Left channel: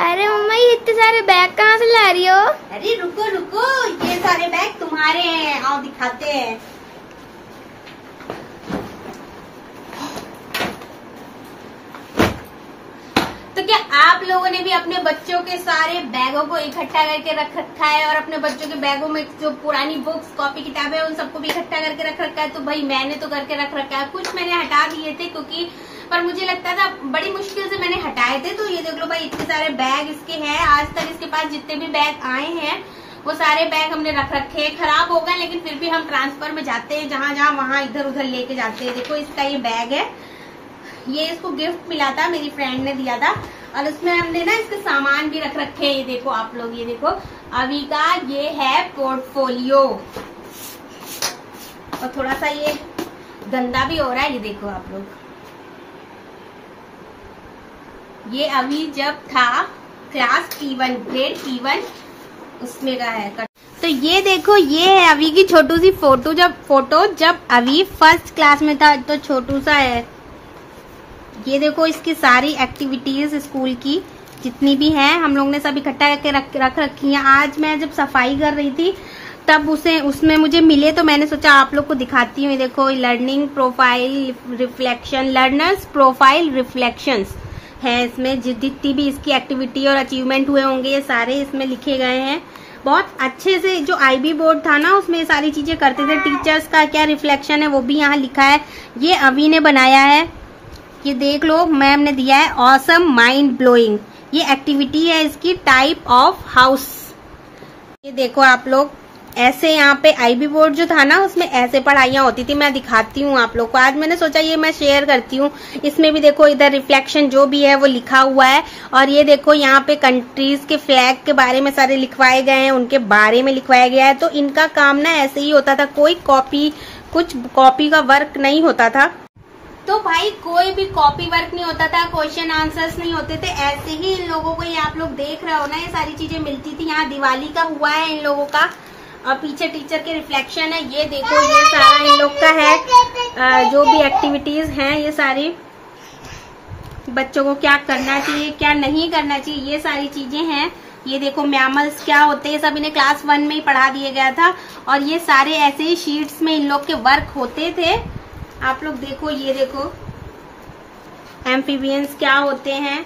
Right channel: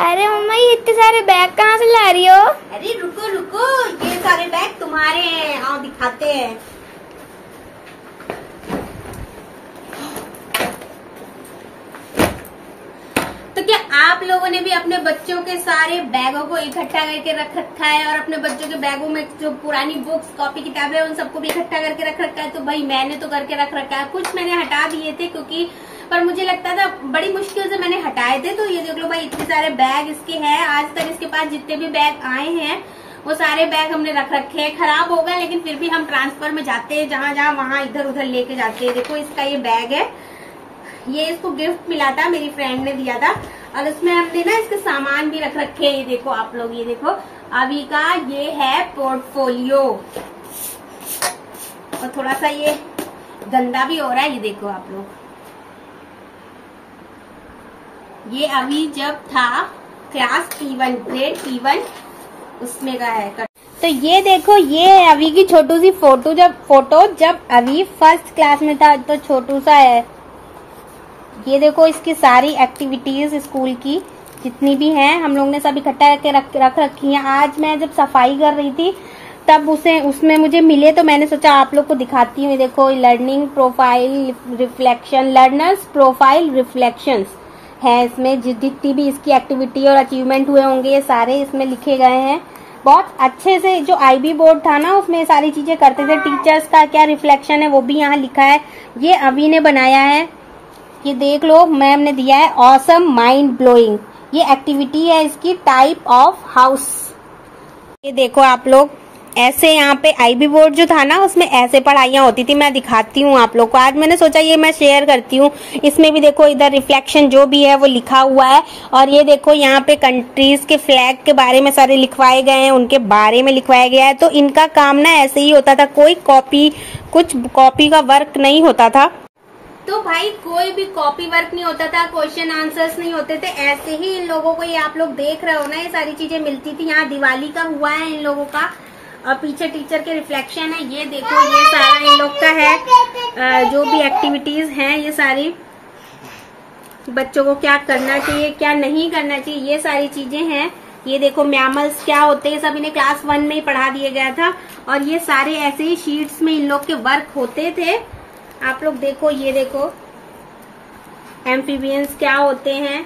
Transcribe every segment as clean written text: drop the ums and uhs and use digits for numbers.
अरे मम्मा ये इतने सारे बैग कहाँ से ला रही हो? अरे रुको रुको, ये सारे बैग तुम्हारे हैं, आओ दिखाते हैं। तो क्या आप लोगों ने भी अपने बच्चों के सारे बैगों को इकट्ठा करके रख रखा है और अपने बच्चों के बैगों में जो पुरानी बुक्स कॉपी किताबें हैं उन सबको भी इकट्ठा करके रख रखा है? तो भाई मैंने तो करके रख रखा है। कुछ मैंने हटा दिए थे क्योंकि पर मुझे लगता था बड़ी मुश्किल से मैंने हटाए थे। तो ये देख लो भाई, इतने सारे बैग इसके हैं। आज तक इसके पास जितने भी बैग आए हैं वो सारे बैग हमने रख रखे हैं। खराब होगा लेकिन फिर भी हम ट्रांसफर में जाते हैं, जहाँ जहाँ वहाँ इधर उधर लेके जाते हैं। देखो इसका ये बैग है, ये इसको गिफ्ट मिला था, मेरी फ्रेंड ने दिया था और इसमें हमने ना इसके सामान भी रख रखे हैं। ये देखो आप लोग, ये देखो अभी का ये है पोर्टफोलियो और थोड़ा सा ये गंदा भी हो रहा है। ये देखो आप लोग, ये अभी जब था क्लास P1 ग्रेड P1 उसमें का है। तो ये देखो, ये है अभी की छोटू सी फोटो जब अभी फर्स्ट क्लास में था, तो छोटू सा है। ये देखो इसकी सारी एक्टिविटीज स्कूल की जितनी भी हैं हम लोग ने सब इकट्ठा करके रख रखी हैं। आज मैं जब सफाई कर रही थी तब उसमें मुझे मिले तो मैंने सोचा आप लोग को दिखाती हूँ। देखो learning profile reflection, learners profile reflections है इसमें। जितनी भी इसकी एक्टिविटी और अचीवमेंट हुए होंगे ये सारे इसमें लिखे गए हैं। बहुत अच्छे से जो IB बोर्ड था ना उसमें सारी चीजें करते थे। टीचर्स का क्या रिफ्लेक्शन है वो भी यहाँ लिखा है, ये अभी ने बनाया है। ये देख लो, मैम ने दिया है ऑसम माइंड ब्लोइंग। ये एक्टिविटी है इसकी, टाइप ऑफ हाउस। ये देखो आप लोग, ऐसे यहाँ पे IB बोर्ड जो था ना उसमें ऐसे पढ़ाइयाँ होती थी। मैं दिखाती हूँ आप लोग को। आज मैंने सोचा ये मैं शेयर करती हूँ। इसमें भी देखो इधर रिफ्लेक्शन जो भी है वो लिखा हुआ है और ये देखो यहाँ पे कंट्रीज के फ्लैग के बारे में सारे लिखवाए गए हैं, उनके बारे में लिखवाया गया है। तो इनका काम ना ऐसे ही होता था, कोई कुछ कॉपी का वर्क नहीं होता था। तो भाई कोई भी कॉपी वर्क नहीं होता था, क्वेश्चन आंसर्स नहीं होते थे। ऐसे ही इन लोगों को, ये आप लोग देख रहे हो ना, ये सारी चीजें मिलती थी। यहाँ दिवाली का हुआ है इन लोगों का और पीछे टीचर के रिफ्लेक्शन है। ये देखो ये सारा इन लोग का है, जो भी एक्टिविटीज हैं ये सारी बच्चों को क्या करना चाहिए क्या नहीं करना चाहिए, ये सारी चीजें हैं। ये देखो मैमल्स क्या होते हैं, सब इन्हें क्लास 1 में ही पढ़ा दिया गया था और ये सारे ऐसे ही शीट्स में इन लोग के वर्क होते थे। आप लोग देखो, ये देखो एम्फीबियंस क्या होते हैं।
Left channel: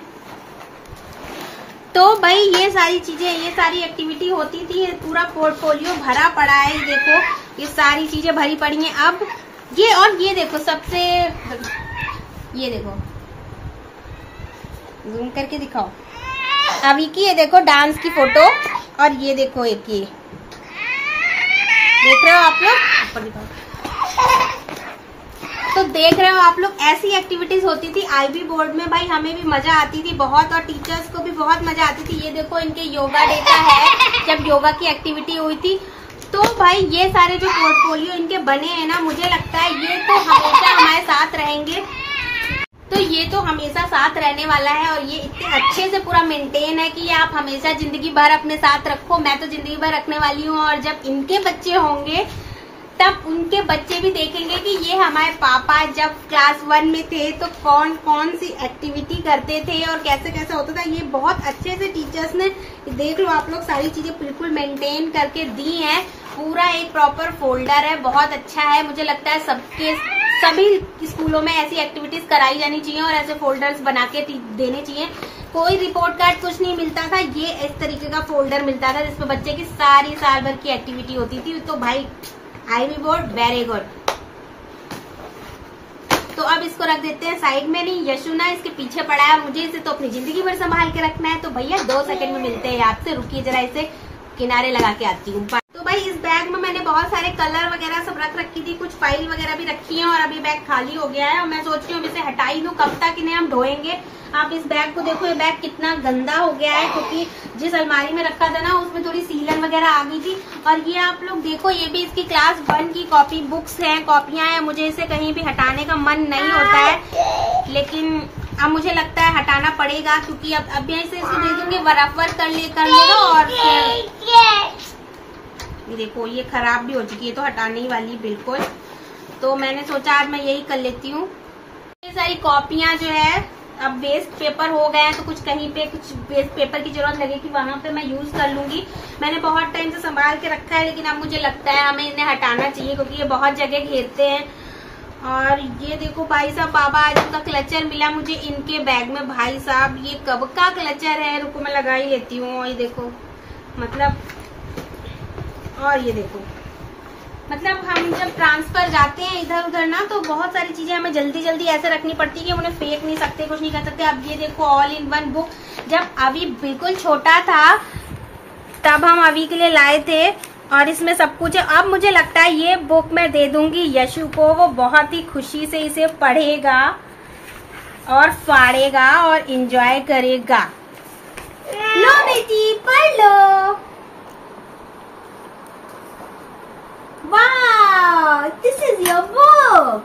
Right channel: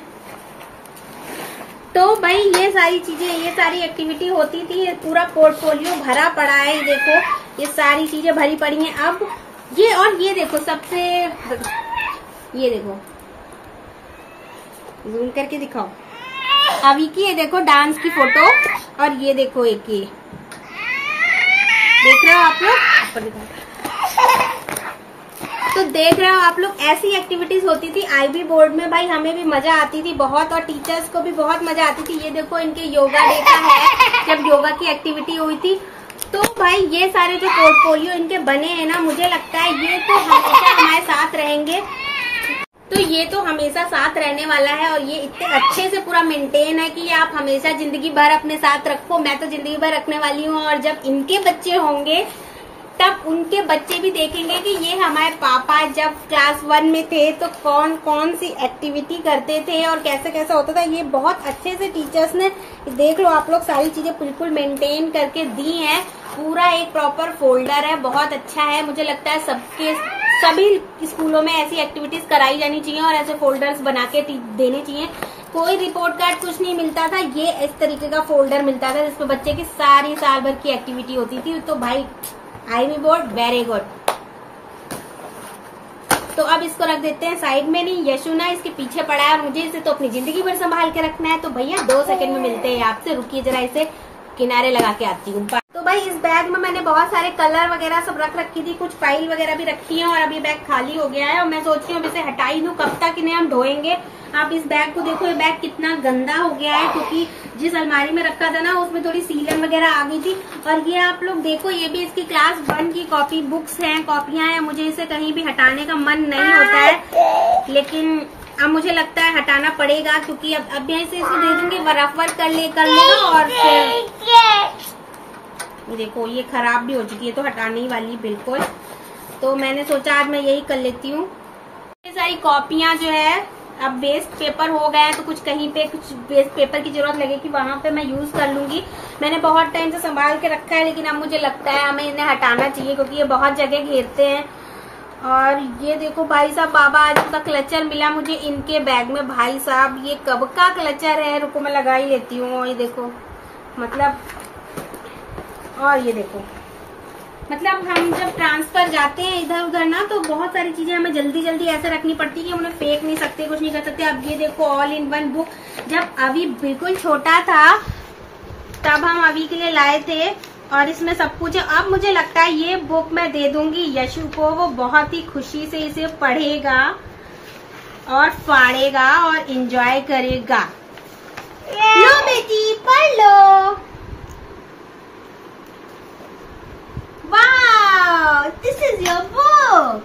तो भाई ये सारी चीजें, ये सारी एक्टिविटी होती थी। पूरा पोर्टफोलियो भरा पड़ा है। देखो ये सारी चीजें भरी पड़ी हैं। अब ये और ये देखो सबसे, ये देखो जूम करके दिखाओ अभी की, ये देखो डांस की फोटो और ये देखो एक ये देख रहे हो आप लोग, दिखाओ। तो देख रहे हो आप लोग, ऐसी एक्टिविटीज होती थी IB बोर्ड में। भाई हमें भी मजा आती थी बहुत और टीचर्स को भी बहुत मजा आती थी। ये देखो इनके योगा डे का है, जब योगा की एक्टिविटी हुई थी। तो भाई ये सारे जो पोर्टफोलियो इनके बने हैं ना, मुझे लगता है ये तो हमेशा हमारे साथ रहेंगे। तो ये तो हमेशा साथ रहने वाला है और ये इतने अच्छे से पूरा मेंटेन है कि आप हमेशा जिंदगी भर अपने साथ रखो। मैं तो जिंदगी भर रखने वाली हूँ और जब इनके बच्चे होंगे तब उनके बच्चे भी देखेंगे कि ये हमारे पापा जब क्लास 1 में थे तो कौन कौन सी एक्टिविटी करते थे और कैसे कैसे होता था। ये बहुत अच्छे से टीचर्स ने, देख लो आप लोग, सारी चीजें बिल्कुल मेंटेन करके दी हैं। पूरा एक प्रॉपर फोल्डर है, बहुत अच्छा है। मुझे लगता है सभी स्कूलों में ऐसी एक्टिविटीज कराई जानी चाहिए और ऐसे फोल्डर्स बना के देने चाहिए। कोई रिपोर्ट कार्ड कुछ नहीं मिलता था, ये इस तरीके का फोल्डर मिलता था जिसमें बच्चे की सारी साल भर की एक्टिविटी होती थी। तो भाई IB बोर्ड वेरी गुड। तो अब इसको रख देते हैं साइड में। नहीं, यशुना इसके पीछे पड़ा है, मुझे इसे तो अपनी जिंदगी भर संभाल के रखना है। तो भैया 2 सेकंड में मिलते हैं आपसे, रुकिए जरा, इसे किनारे लगा के आती हूँ। तो भाई इस बैग में मैंने बहुत सारे कलर वगैरह सब रख रखी थी, कुछ फाइल वगैरह भी रखी है और अभी बैग खाली हो गया है और मैं सोच रही हूँ अब इसे हटा ही दूँ। कब तक इन्हें हम ढोएंगे। आप इस बैग को देखो, ये बैग कितना गंदा हो गया है क्योंकि जिस अलमारी में रखा था ना उसमें थोड़ी सीलन वगैरह आ गई थी। और ये आप लोग देखो, ये भी इसकी क्लास 1 की कॉपी बुक्स हैं, कॉपियां हैं। मुझे इसे कहीं भी हटाने का मन नहीं होता है, लेकिन अब मुझे लगता है हटाना पड़ेगा क्योंकि अब यहाँ से इसको दे दूंगी, रफ कर लेगा और फिर ये देखो ये खराब भी हो चुकी है तो हटाने ही वाली बिल्कुल। तो मैंने सोचा आज मैं यही कर लेती हूँ। ये सारी कॉपियां जो है अब वेस्ट पेपर हो गए हैं तो कुछ कहीं पे कुछ वेस्ट पेपर की जरूरत लगेगी वहां पे मैं यूज कर लूंगी। मैंने बहुत टाइम से संभाल के रखा है, लेकिन अब मुझे लगता है हमें इन्हें हटाना चाहिए क्योंकि ये बहुत जगह घेरते हैं। और ये देखो भाई साहब, बाबा आजम का क्लचर मिला मुझे इनके बैग में। भाई साहब ये कब का क्लचर है, रुको मैं लगा ही लेती हूँ। ये देखो मतलब, और ये देखो मतलब हम जब ट्रांसफर जाते हैं इधर उधर ना, तो बहुत सारी चीजें हमें जल्दी जल्दी ऐसे रखनी पड़ती है कि उन्हें फेंक नहीं सकते, कुछ नहीं कर सकते। अब ये देखो ऑल इन वन बुक, जब अभी बिल्कुल छोटा था तब हम अभी के लिए लाए थे और इसमें सब कुछ है। अब मुझे लगता है ये बुक मैं दे दूंगी यशु को, वो बहुत ही खुशी से इसे पढ़ेगा और फाड़ेगा और एंजॉय करेगा। लो बेटी पढ़ लो। Wow, this is your book.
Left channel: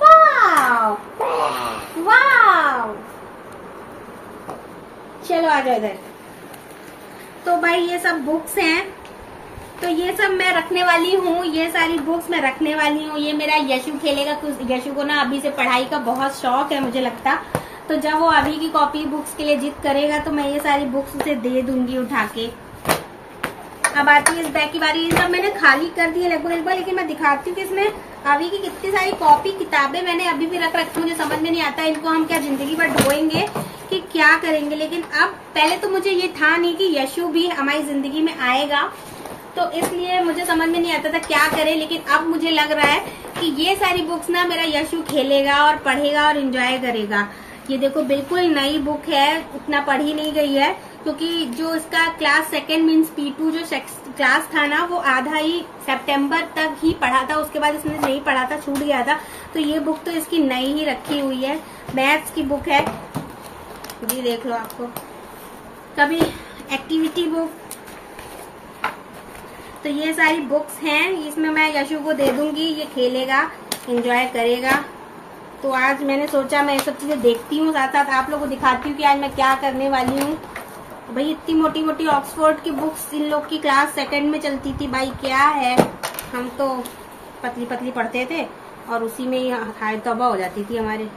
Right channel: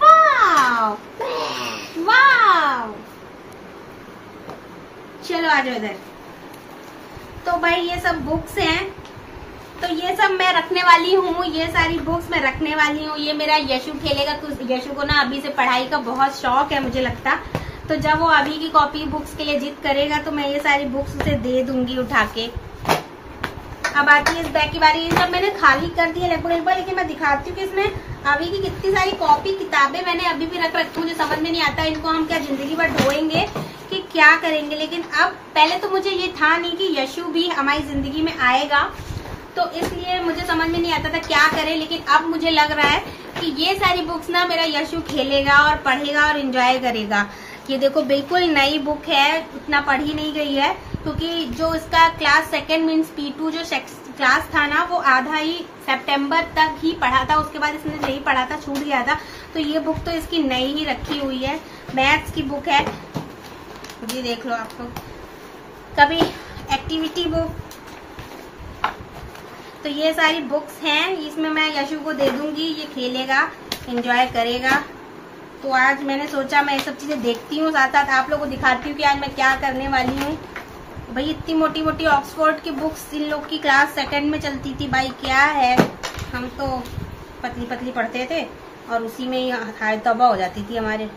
Wow, wow. चलो आ जाओ इधर। तो भाई ये सब बुक्स हैं, तो ये सब मैं रखने वाली हूँ, ये सारी बुक्स मैं रखने वाली हूँ। ये मेरा यशु खेलेगा, यशु को ना अभी से पढ़ाई का बहुत शौक है मुझे लगता। तो जब वो अभी की कॉपी बुक्स के लिए जिद करेगा तो मैं ये सारी बुक्स उसे दे दूंगी उठा के। अब आती है इस बैग की बारी। ये सब मैंने खाली कर दी है लगभग, लेकिन मैं दिखाती हूँ कि इसमें अभी की कितनी सारी कॉपी किताबें मैंने अभी भी रख रखी हूँ। मुझे समझ में नहीं आता इनको हम क्या जिंदगी भर ढोएंगे कि क्या करेंगे। लेकिन अब पहले तो मुझे ये था नहीं कि यशु भी हमारी जिंदगी में आएगा, तो इसलिए मुझे समझ में नहीं आता था क्या करें। लेकिन अब मुझे लग रहा है कि ये सारी बुक्स ना मेरा यशु खेलेगा और पढ़ेगा और एंजॉय करेगा। ये देखो बिल्कुल नई बुक है, उतना पढ़ी नहीं गई है क्योंकि जो इसका क्लास सेकेंड मीन्स P2 जो क्लास था ना, वो आधा ही सितंबर तक ही पढ़ा था, उसके बाद इसने नहीं पढ़ा था, छूट गया था। तो ये बुक तो इसकी नई ही रखी हुई है, मैथ्स की बुक है। ये देख लो आप लोग, कभी एक्टिविटी बुक। तो ये सारी बुक्स हैं, इसमें मैं यशु को दे दूंगी, ये खेलेगा एंजॉय करेगा। तो आज मैंने सोचा मैं ये सब चीजें देखती हूँ, साथ साथ आप लोगों को दिखाती हूँ कि आज मैं क्या करने वाली हूँ। भाई इतनी मोटी मोटी ऑक्सफोर्ड की बुक्स इन लोग की क्लास सेकंड में चलती थी, भाई क्या है। हम तो पतली पतली पढ़ते थे और उसी में ही हाय तौबा हो जाती थी हमारे।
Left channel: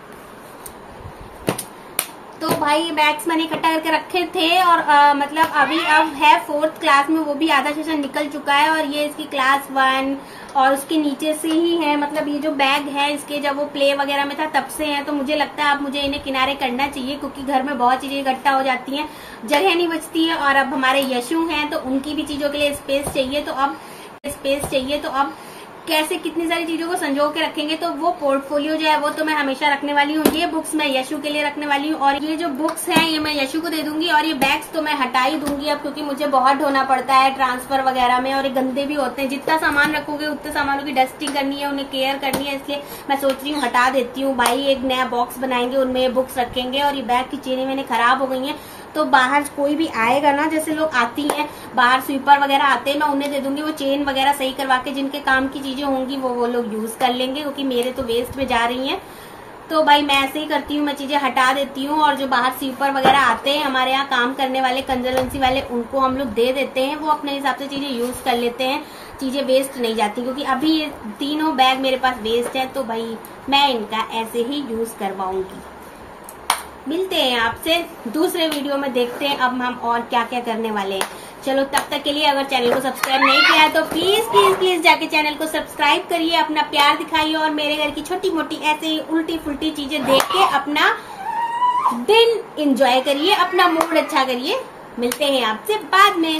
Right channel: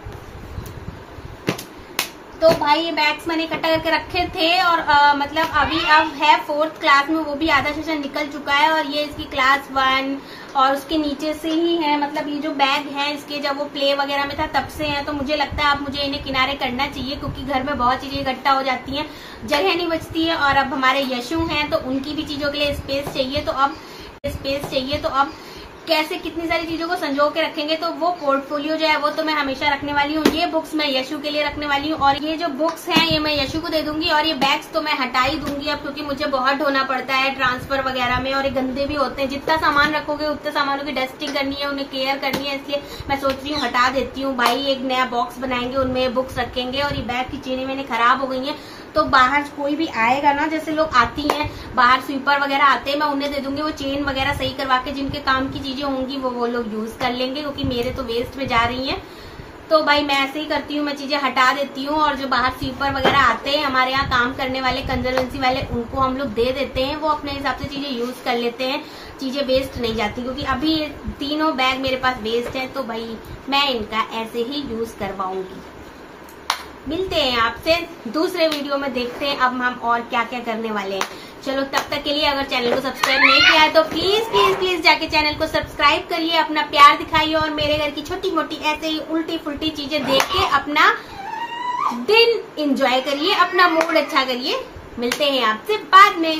तो भाई ये बैग्स मैंने इकट्ठा करके रखे थे और मतलब अभी अब है 4th क्लास में, वो भी आधा सेशन निकल चुका है। और ये इसकी क्लास 1 और उसके नीचे से ही है, मतलब ये जो बैग है इसके जब वो प्ले वगैरह में था तब से है। तो मुझे लगता है अब मुझे इन्हें किनारे करना चाहिए क्योंकि घर में बहुत चीजें इकट्ठा हो जाती हैं, जगह नहीं बचती है। और अब हमारे यशु हैं तो उनकी भी चीजों के लिए स्पेस चाहिए। तो अब कैसे कितनी सारी चीजों को संजो के रखेंगे। तो वो पोर्टफोलियो जो है वो तो मैं हमेशा रखने वाली हूँ। ये बुक्स मैं यशु के लिए रखने वाली हूँ और ये जो बुक्स हैं ये मैं यशु को दे दूंगी। और ये बैग्स तो मैं हटा ही दूंगी अब, क्योंकि मुझे बहुत ढोना पड़ता है ट्रांसफर वगैरह में और ये गंदे भी होते हैं। जितना सामान रखोगे उतने सामानों की डस्टिंग करनी है, उन्हें केयर करनी है, इसलिए मैं सोच रही हूँ हटा देती हूँ। भाई एक नया बॉक्स बनाएंगे, उनमें बुक्स रखेंगे। और ये बैग की चेनें मैंने खराब हो गई है, तो बाहर कोई भी आएगा ना, जैसे लोग आती हैं बाहर स्वीपर वगैरह आते हैं, मैं उन्हें दे दूंगी। वो चेन वगैरह सही करवा के जिनके काम की चीजें होंगी वो लोग यूज कर लेंगे, क्योंकि मेरे तो वेस्ट में जा रही हैं। तो भाई मैं ऐसे ही करती हूँ, मैं चीजें हटा देती हूँ। और जो बाहर स्वीपर वगैरह आते हैं हमारे यहाँ काम करने वाले, कंजर्वेंसी वाले, उनको हम लोग दे देते हैं, वो अपने हिसाब से चीजें यूज कर लेते हैं, चीजें वेस्ट नहीं जाती। क्योंकि अभी ये तीनों बैग मेरे पास वेस्ट है, तो भाई मैं इनका ऐसे ही यूज करवाऊंगी। मिलते हैं आपसे दूसरे वीडियो में, देखते हैं अब हम और क्या क्या करने वाले हैं। चलो तब तक के लिए अगर चैनल को सब्सक्राइब नहीं किया है तो प्लीज प्लीज प्लीज जाके चैनल को सब्सक्राइब करिए, अपना प्यार दिखाइए और मेरे घर की छोटी मोटी ऐसे ही उल्टी फुल्टी चीजें देख के अपना दिन एंजॉय करिए, अपना मूड अच्छा करिए। मिलते हैं आपसे बाद में।